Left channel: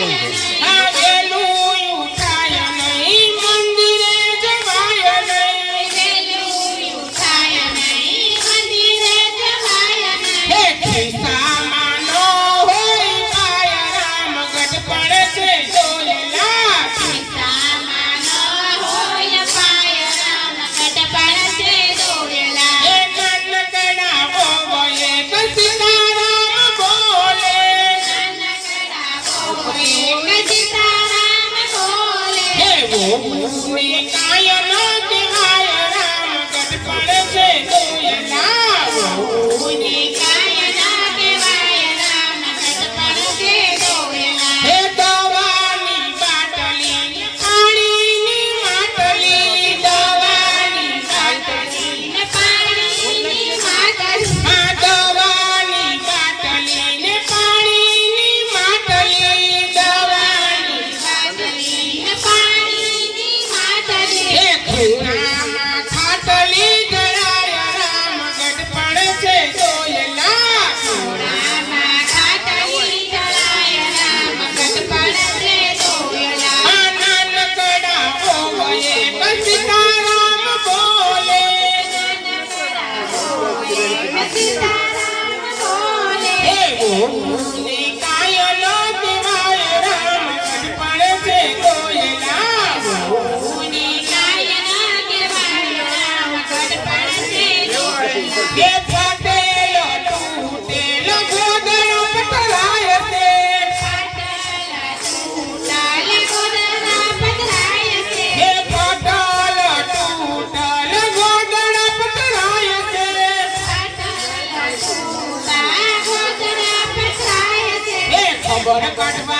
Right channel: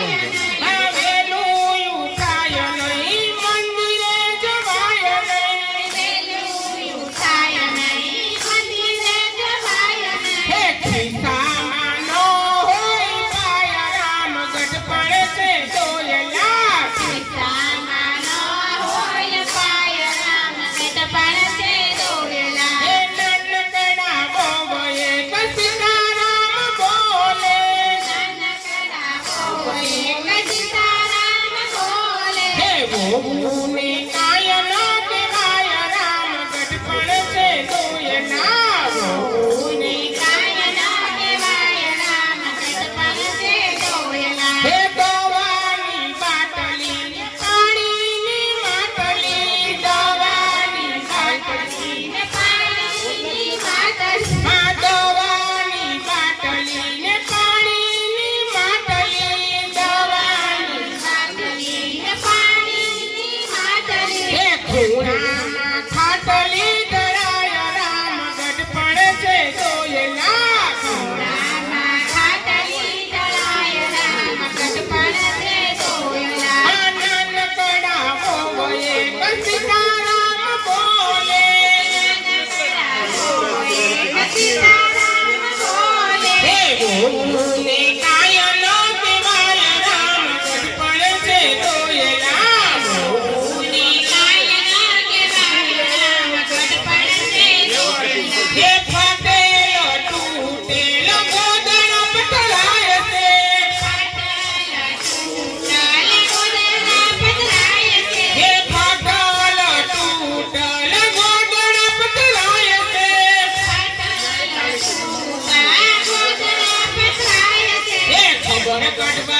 Congress. Oh, yes. Oh. Hey. பாட்டு பாட்டு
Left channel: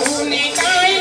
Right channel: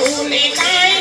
Unikai